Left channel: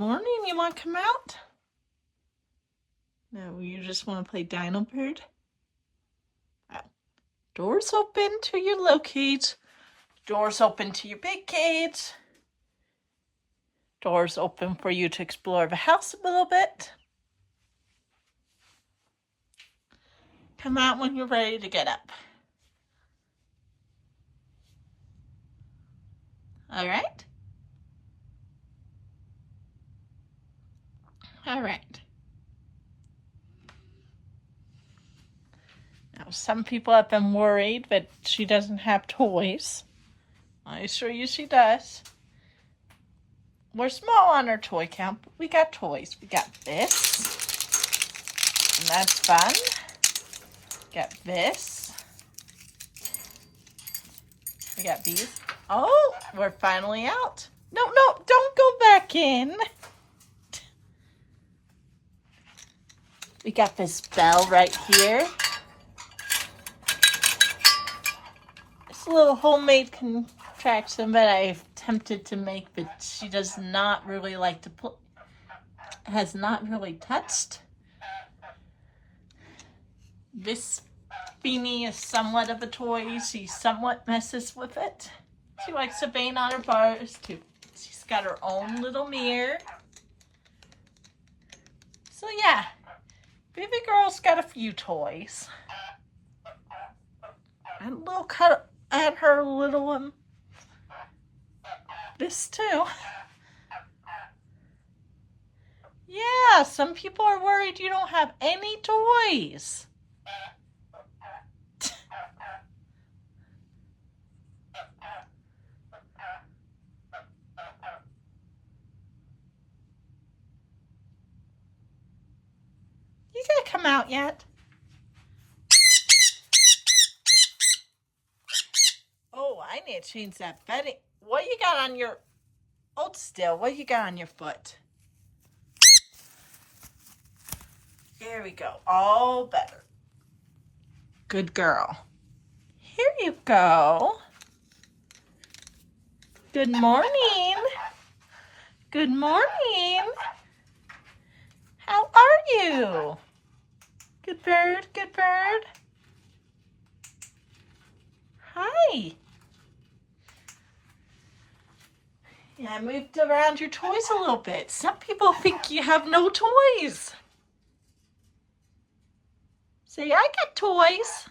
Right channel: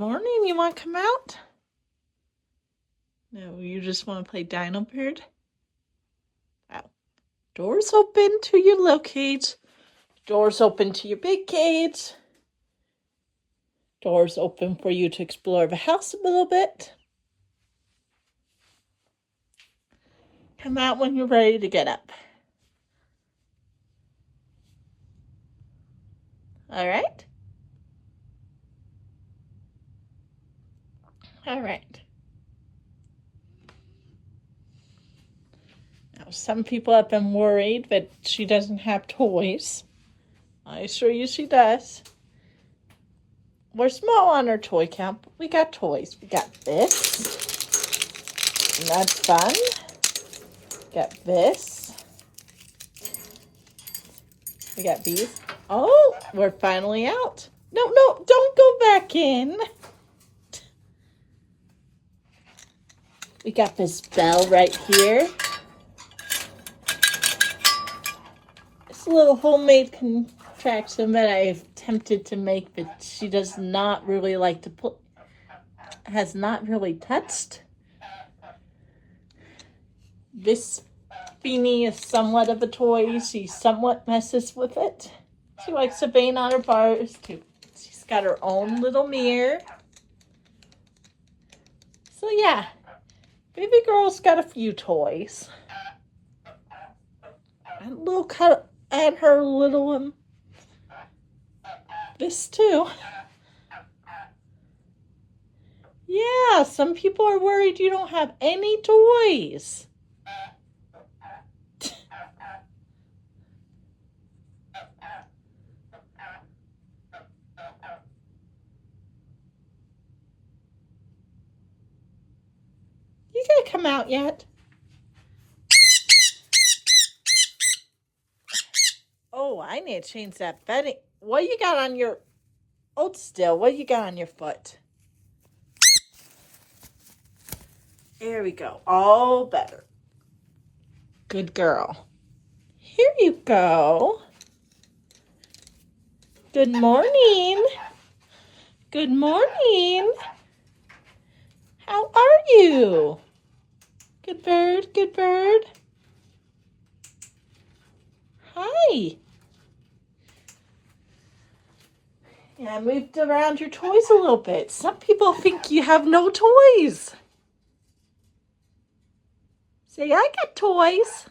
Morning, you want to come out? No, you just want to play Dino Bird? Wow. Doors open to your little cage. Doors open to your big cage. Doors open for you to explore the house a little bit. Come out when you're ready to get up. All right? All right. Now, some people have been worried that she doesn't have toys. I assure you she does. We're small on our toy count, but we got toys. We got this. And that's fun. Got this. We got these. Oh, we're finally out. No, don't go back in. We got this bell right here. It's a little homemade contraption that I've attempted to make that she does not really like to put, has not really touched. This Beanie is somewhat of a toy. She somewhat messes with it. She likes to bang on her bars too. She's got her own little mirror. So yeah, baby girl's got a few toys. And a little cut at her little one. This too. Yeah, some people are worried you don't have any toys. You didn't come out yet. Oh, I need to change that bedding. What you got on your... Hold still. What you got on your foot? There we go. All better. Good girl. Here you go. Good morning. Good morning. How are you? Good bird, good bird. Hi. Yeah, I moved around your toys a little bit. Some people think you have no toys. Say, I got toys.